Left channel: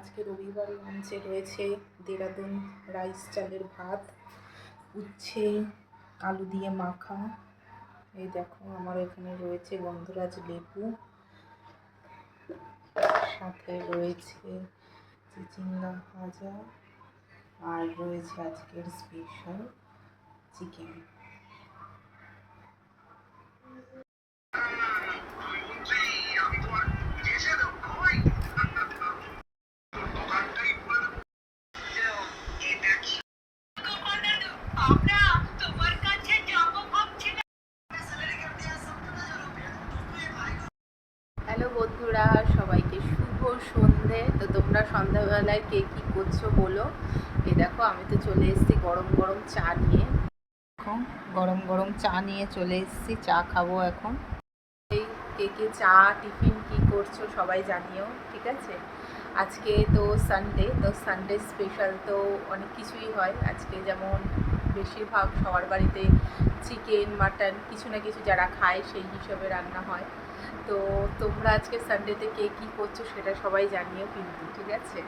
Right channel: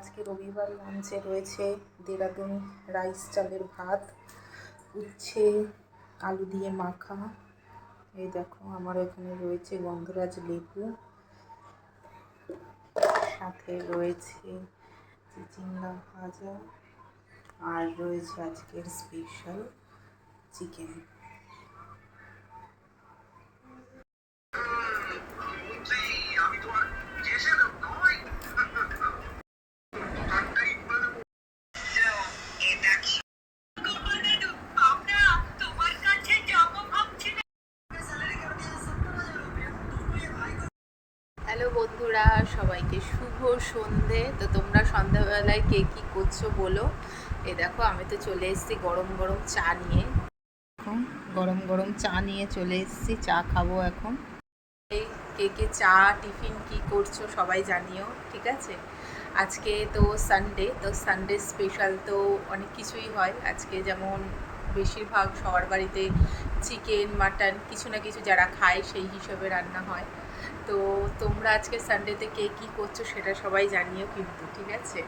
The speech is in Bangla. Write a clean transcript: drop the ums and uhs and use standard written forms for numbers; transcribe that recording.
আজকে রবিবার লাঞ্চে রয়েছে দেরাদুন রাইস চালের ভাত, উচ্ছে আলু দিয়ে মাখা। এই দেখো আমার এখানে রয়েছে গন্ধরাজ লেবু, সাথে রয়েছে চিচিঙ্গা ভাজা, আর রয়েছে আজকের স্পেশাল চিকেন। হ্যালো বন্ধুরা, সবাইকে শুভ সন্ধে। তো তোমরা সন্ধ্যাবেলায় কে কী করছো বলো। এই দেখো আমি তো চলে এসেছি গরম গরম চা নিয়ে। গরম গরম চা নিয়ে চলে এসেছি, চা খাবো এখন। এই কে কে চা টিফিন কি করছো সবাই জানিও, ঠিক আছে। আজকে তো সানডে, তো সানডে স্পেশাল তো অনেক কিছুই হয় আজকে, যেমন বেশিরভাগ সবার বাড়িতে চিকেন মাটন কিছু না কিছু যারা খায় সেই হিসাবে রান্না হয়। তো তোমরা আজকে সানডেতে কে কী করছো সেটা সবাই জানিও কিন্তু, ঠিক আছে।